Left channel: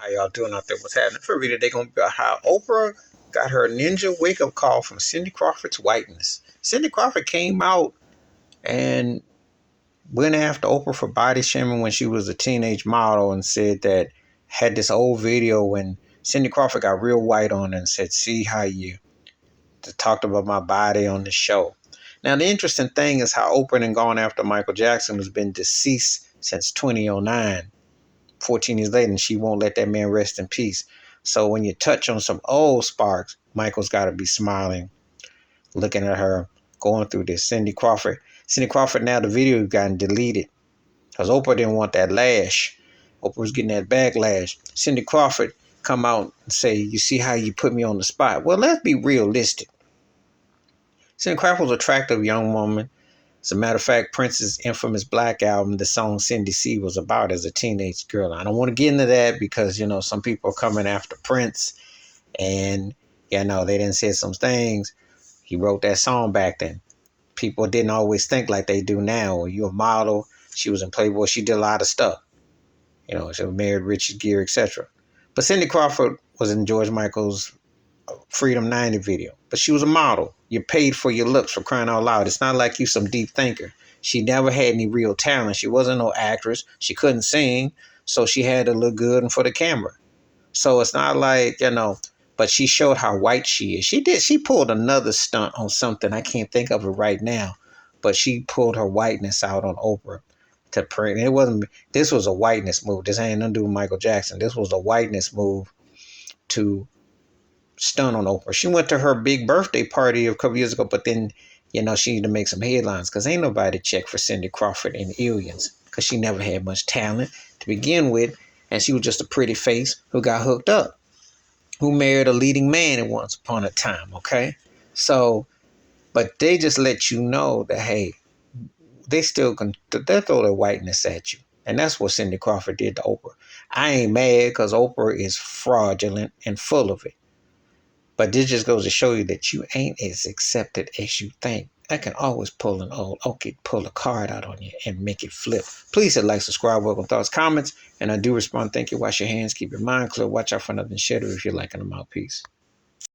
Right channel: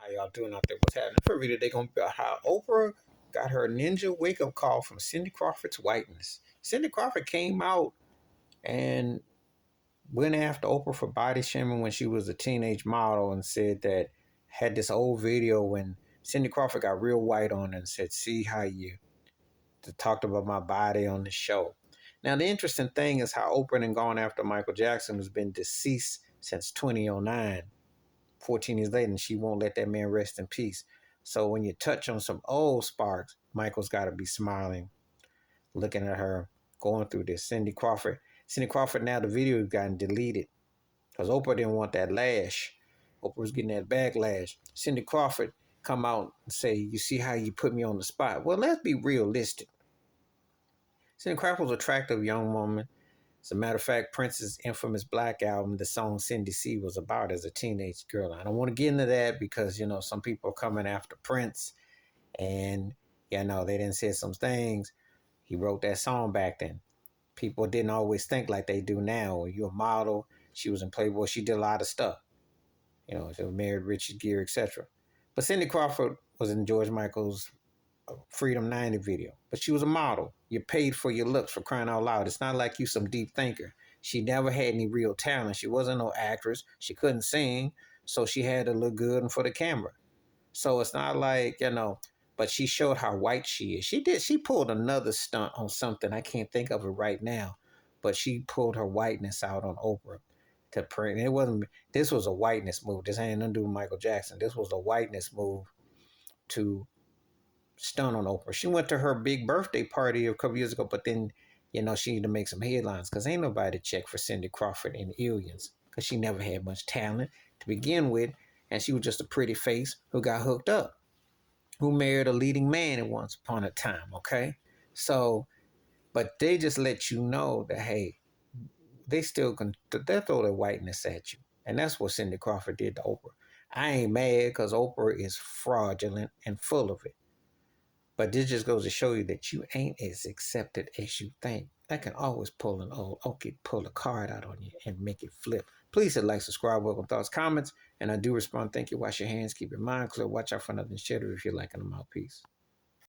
How y'all doing out there? What's happening? For reading, they're gonna be about how Oprah got her ninja wake up call from Cindy Crawford's whiteness. Cindy Crawford came out and went after Oprah for body shaming when she was a teenage model and said that had this old video when Cindy Crawford got real white on her and said, "See how you talked about my body on the show." Now the interesting thing is how Oprah and gone after Michael Jackson, who's been deceased since 2009. 14 years later, and she won't let that man rest in peace. So when you touch on some old sparks, Michael's got to be smiling, looking at her, going through this. Cindy Crawford, now the video gotten deleted because Oprah didn't want that lash. Oprah was getting that backlash. Cindy Crawford come out and say, "You see how you put me on the spot?" Well, let's be realistic. Cindy Crawford was an attractive young woman. As a matter of fact, Prince's infamous Black album, the song Cindy C, was about as a teenage girl. I don't want to get into that because, some people are coming after Prince and, they didn't say some things. He wrote that song back then. People didn't always think like they do now. You're a model. She was in Playboy. She did a lot of stuff. She was married Richard Gere, etc. But Cindy Crawford was in George Michael's Freedom 90 video. But she was a model. You're paid for your looks, for crying out loud. It's not like you some deep thinker. She never had any real talent. She wasn't no actress. She couldn't sing, so she had to look good and for the camera. So it's not like, but she showed how white she is. She pulled another stunt on something. I can't think of it right now, but she pulled her whiteness out on Oprah to print. This was a whiteness move. This ain't nothing to do with Michael Jackson. This was a whiteness move to stun on Oprah. She went to her big birthday party a couple years ago, but then, she needed to make some headlines because ain't nobody check for Cindy Crawford in Aliens because she never had much talent to begin with, and she was just a pretty face who got hooked up, who married a leading man at once upon a time, okay? So, but they just let you know that, hey, they still can, they'll throw their whiteness at you. And that's what Cindy Crawford did to Oprah. I ain't mad because Oprah is fraudulent and full of it. But this just goes to show you that you ain't as accepted as you think. I can always pull pull a card out on you and make it flip. Please hit like, subscribe, welcome thoughts, comments. And I do respond. Thank you. Wash your hands. Keep your mind clear. Watch out for nothing. Share it if you're liking them out. Peace.